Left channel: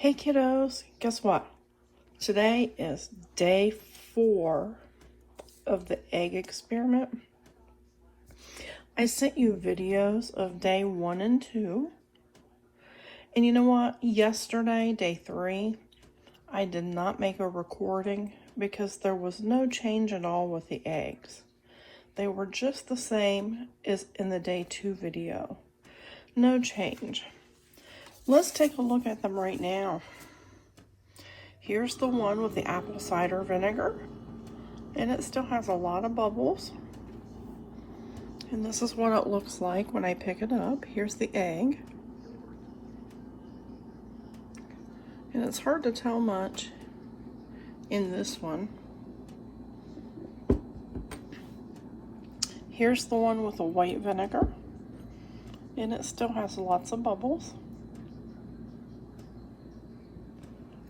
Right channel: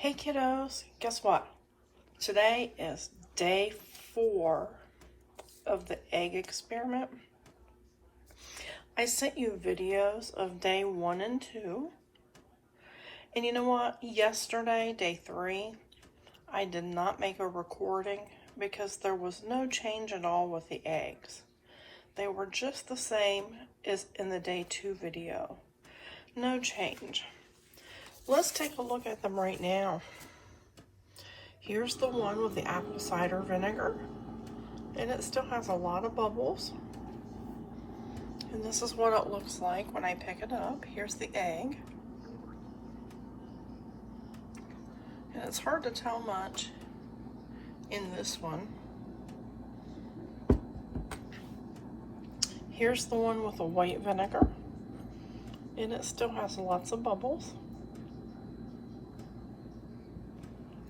Hey kiddos, guess what? Today is day 4 of the egg experiment. I sent you videos of day 1 and 2. And you know what? Yesterday, day 3, I did not make a recording because there was no change at all with the eggs. They were just the same as in the day 2 video. No change. Let's take a look at them right now. Here's the one with the apple cider vinegar, and it still has a lot of bubbles. And this is what it looks like when I pick it up. Here's the egg. And it's hard to tell much in this one. Here's the one with the white vinegar, and it still has lots of bubbles.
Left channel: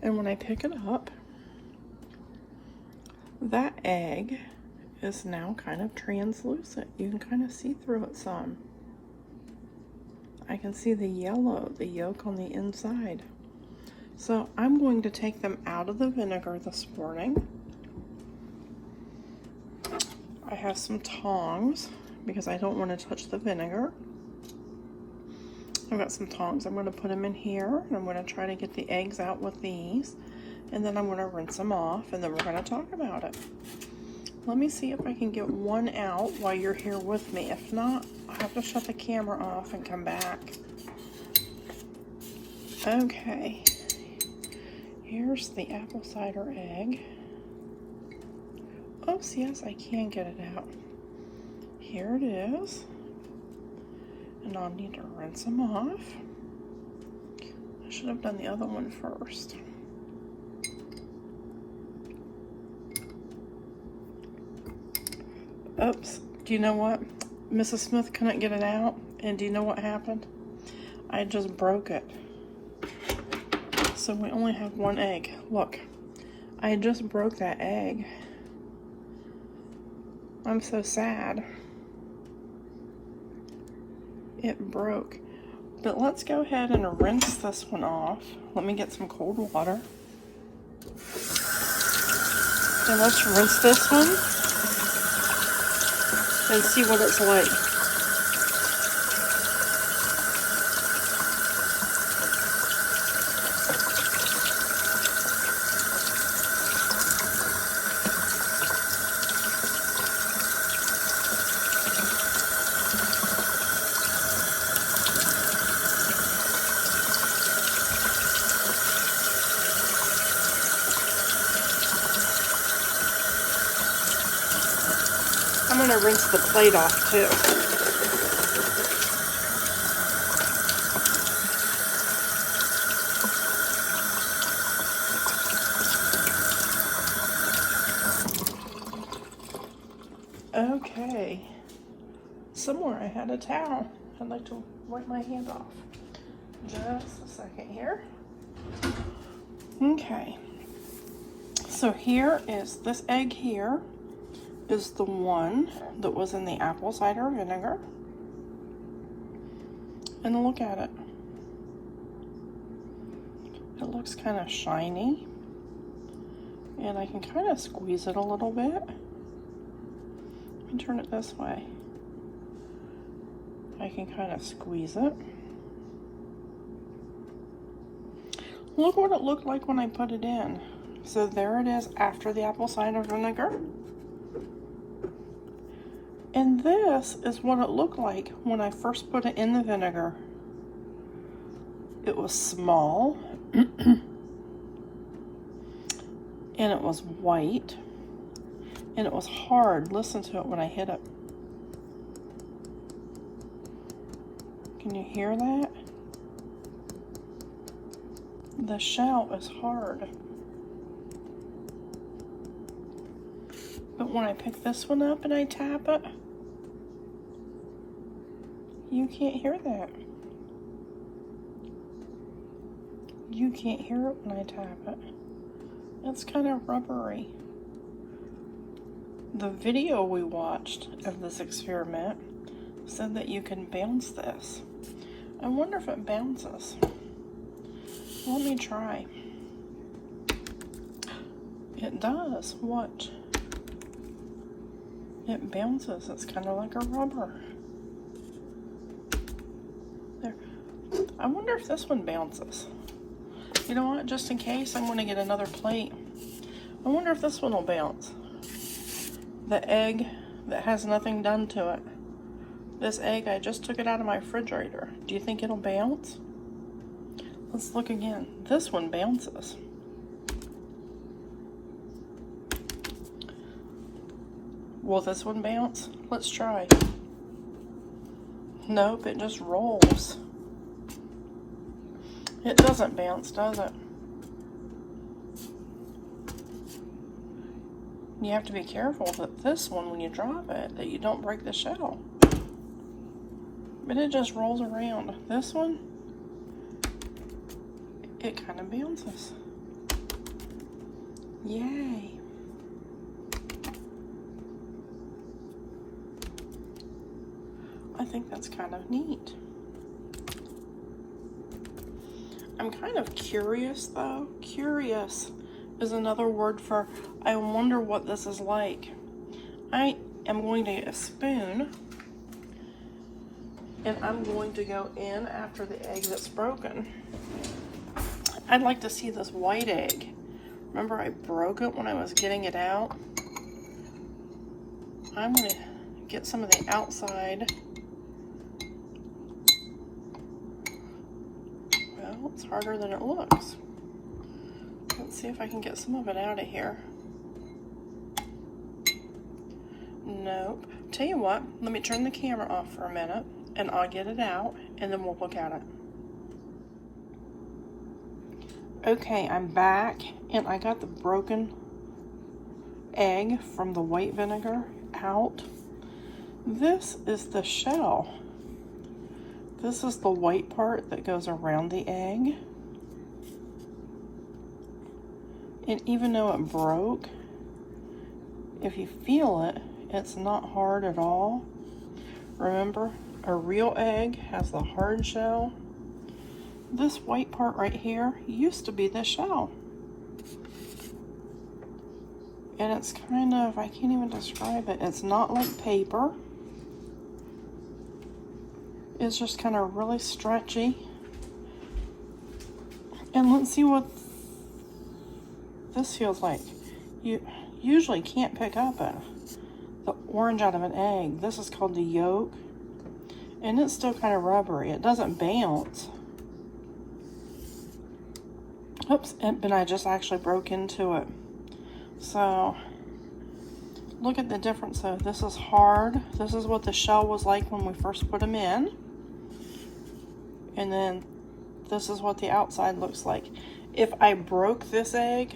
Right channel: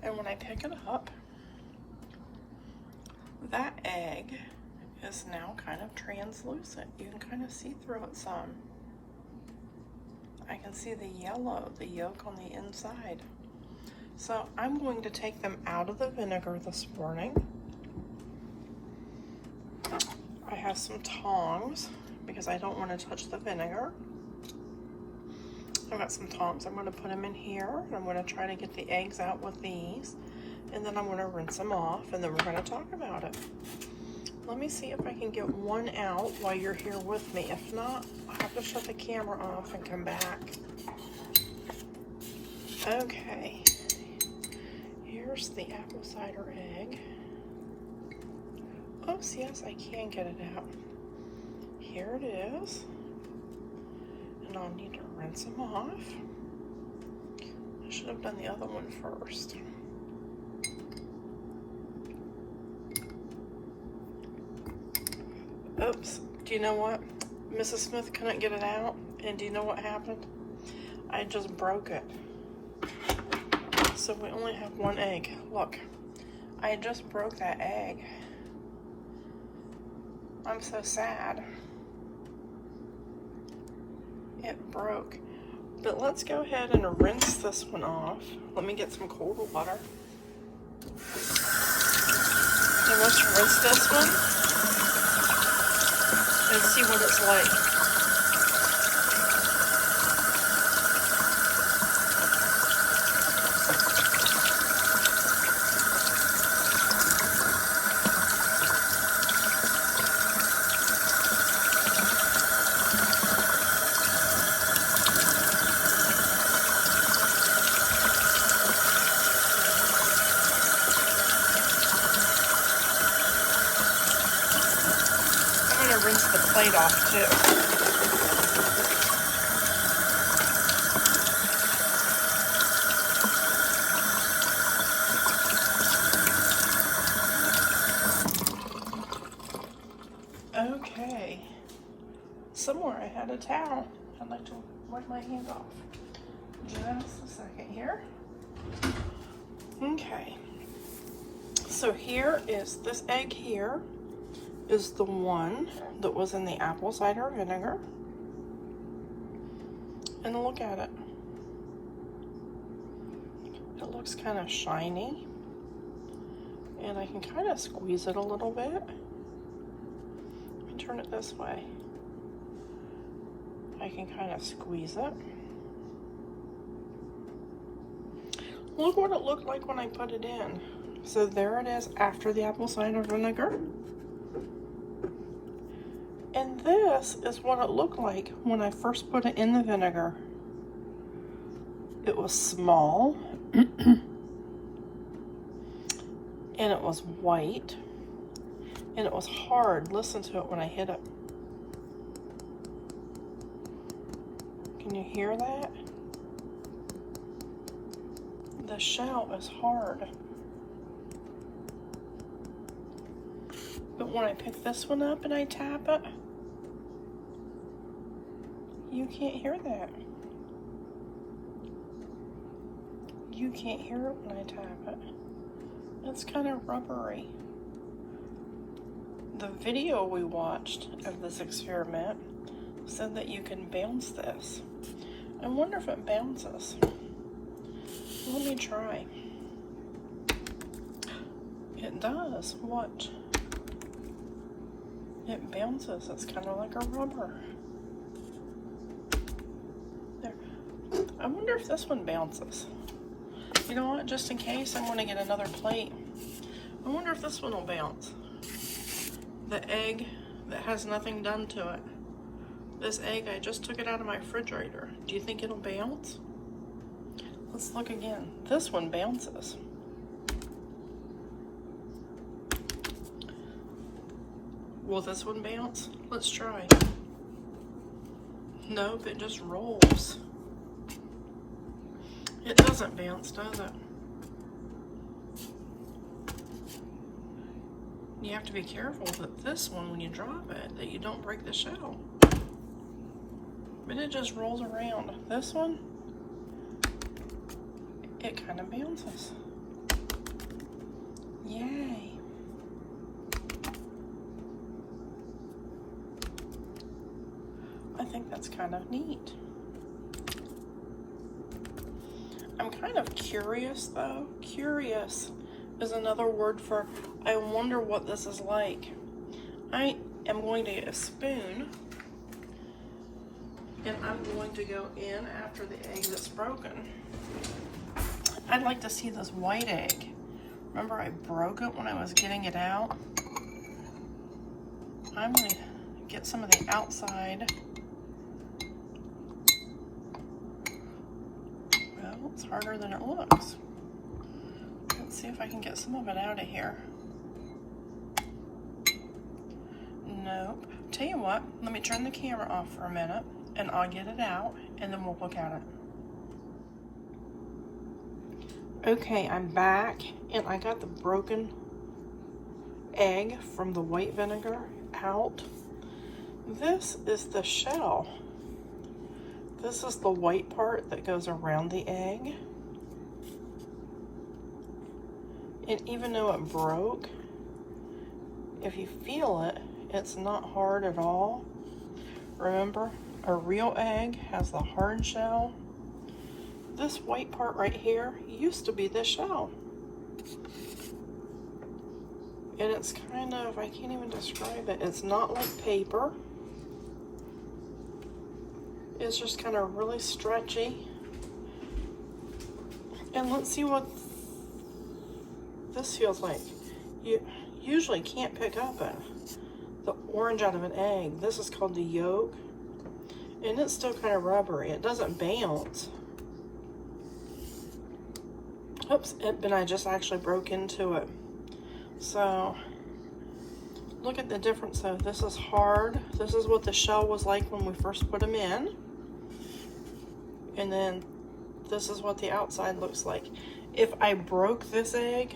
And when I pick it up, that egg is now kind of translucent. You can kind of see through it some. I can see the yellow, the yolk on the inside. So I'm going to take them out of the vinegar this morning. I have some tongs because I don't want to touch the vinegar. I've got some tongs. I'm going to put them in here, and I'm going to try to get the eggs out with these, and then I'm going to rinse them off, and then we're going to talk about it. Let me see if I can get one out while you're here with me. If not, I'll have to shut the camera off and come back. Okay, here's the apple cider egg. Oops, yes, I can get it out. Here it is. And I'll need to rinse them off. I should have done the other one first. Oops, do you know what? Mrs. Smith couldn't get it out, and do you know what happened? I just broke it. So we only have one egg. Look, I just broke that egg. I'm so sad. It broke. But let's go ahead and rinse this one off. Let me get some cold water. So let's rinse this one and see what it's like. I'm going to rinse the plate off too. Okay. Somewhere I had a towel. I'd like to wipe my hand off. Just a second here. Okay. So here is this egg here. Is the one that was in the apple cider vinegar. And look at it. It looks kind of shiny. And I can kind of squeeze it a little bit. And turn it this way. I can kind of squeeze it. Look what it looked like when I put it in. So there it is after the apple cider vinegar. And this is what it looked like when I first put it in the vinegar. It was small, and it was white, and it was hard. Listen to it when I hit it. Can you hear that? The shell is hard. But when I pick this one up and I tap it, you can't hear that. You can't hear it when I tap it. It's kind of rubbery. The video we watched of this experiment said that you can bounce this. I wonder if it bounces. Let me try. It does. What? It bounces. It's kind of like a rubber. There. I wonder if this one bounces. You know what? Just in case, I'm going to get another plate. I wonder if this one will bounce. The egg that has nothing done to it. This egg, I just took it out of my refrigerator. Do you think it'll bounce? Let's look again. This one bounces. Will this one bounce? Let's try. Nope, it just rolls. It doesn't bounce, does it? You have to be careful that this one, when you drop it, that you don't break the shell. But it just rolls around. This one, it kind of bounces. Yay. I think that's kind of neat. I'm kind of curious though. Curious is another word for I wonder what this is like. I am going to get a spoon and I'm going to go in after the egg that's broken. I'd like to see this white egg. Remember I broke it when I was getting it out? I'm going to get some of the outside. Well, it's harder than it looks. Let's see if I can get some of it out of here. Nope. Tell you what, let me turn the camera off for a minute and I'll get it out and then we'll look at it. Okay, I'm back and I got the broken egg from the white vinegar out. This is the shell. This is the white part that goes around the egg. And even though it broke, if you feel it, it's not hard at all. Remember, a real egg has the hard shell. This white part right here used to be the shell. And it's kind of, I can't even describe it. It's not like paper. It's just kind of really stretchy. And let's see what this feels like. You usually can't pick up the orange out of an egg. This is called the yolk. And it's still kind of rubbery. It doesn't bounce. Oops, and I just actually broke into it. So, look at the difference though. This is hard. This is what the shell was like when we first put them in. And then this is what the outside looks like. If I broke this egg,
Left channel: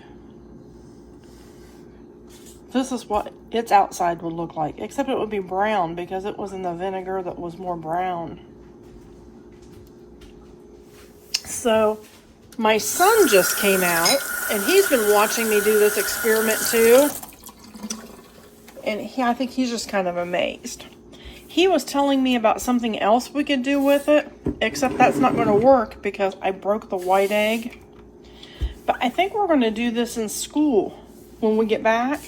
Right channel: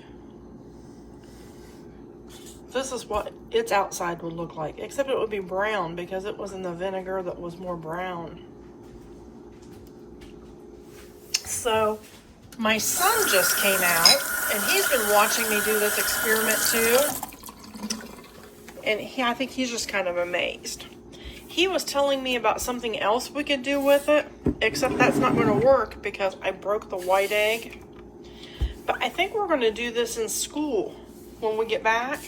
this is what its outside would look like, except it would be brown because it was in the vinegar that was more brown. So my son just came out and he's been watching me do this experiment too. And I think he's just kind of amazed. He was telling me about something else we could do with it, except that's not going to work because I broke the white egg. But I think we're going to do this in school when we get back.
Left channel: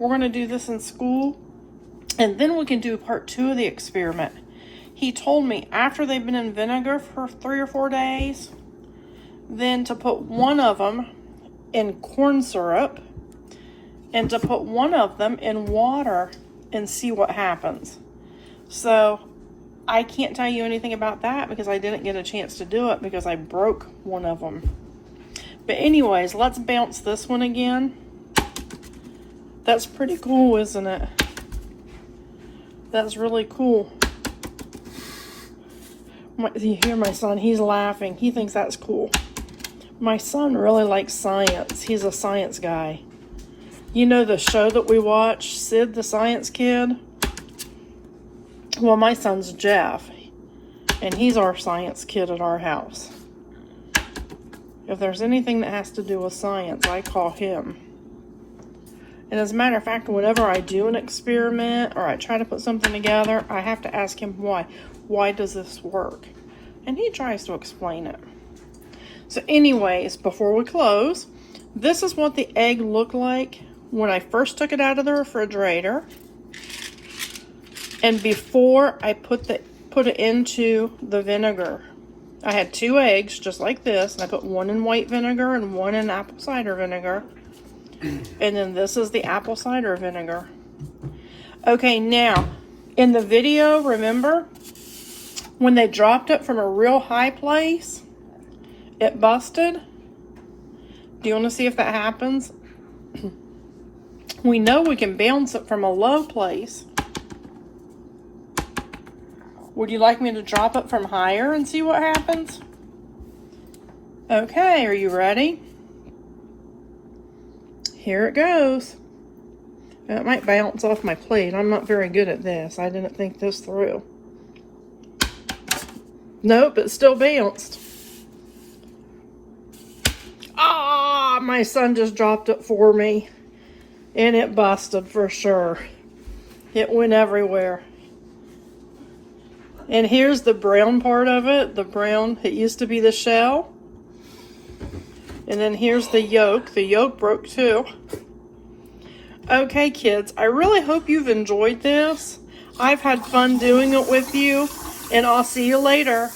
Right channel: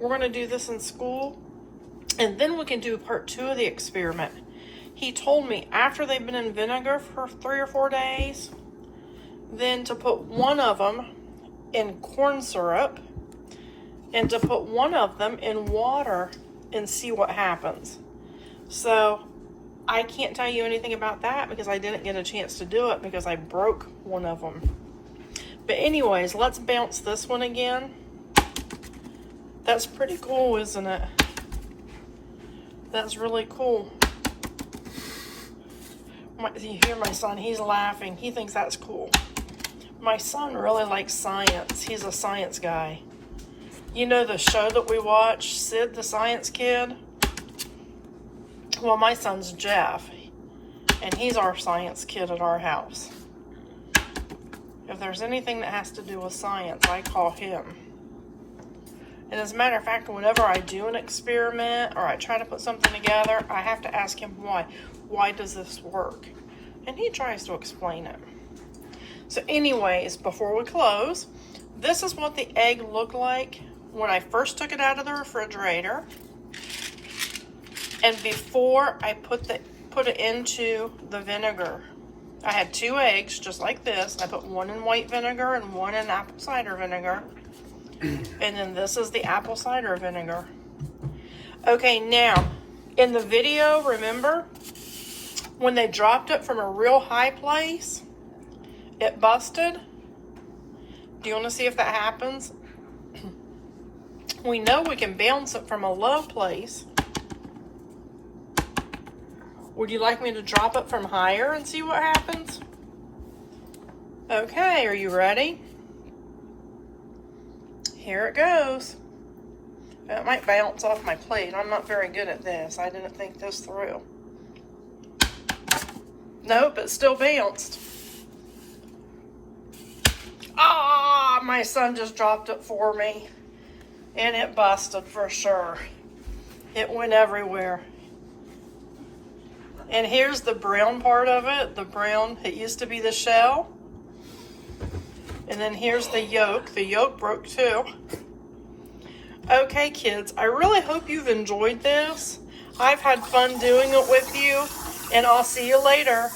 We're going to do this in school, and then we can do part 2 of the experiment. He told me after they've been in vinegar for 3 or 4 days, then to put one of them in corn syrup, and to put one of them in water and see what happens. So I can't tell you anything about that because I didn't get a chance to do it because I broke one of them. But anyways, let's bounce this one again. That's pretty cool, isn't it? That's really cool. You hear my son, he's laughing. He thinks that's cool. My son really likes science. He's a science guy. You know the show that we watch, Sid the Science Kid? Well, my son's Jeff, and he's our science kid at our house. If there's anything that has to do with science, I call him. And as a matter of fact, whenever I do an experiment or I try to put something together, I have to ask him why. Why does this work? And he tries to explain it. So anyways, before we close, this is what the egg looked like when I first took it out of the refrigerator. And before I put it into the vinegar. I had 2 eggs just like this. I put one in white vinegar and one in apple cider vinegar. And then this is the apple cider vinegar. Okay, now, in the video, remember, when they dropped it from a real high place, it busted? Do you want to see if that happens? We know we can bounce it from a low place. Would you like me to drop it from higher and see what happens? Okay, are you ready? Here it goes. It might bounce off my plate. I'm not very good at this. I didn't think this through. Nope, it still bounced. Ah, my son just dropped it for me. And it busted for sure. It went everywhere. And here's the brown part of it. The brown, it used to be the shell. And then here's the yolk. The yolk broke too. Okay, kids, I really hope you've enjoyed this. I've had fun doing it with you, and I'll see you later.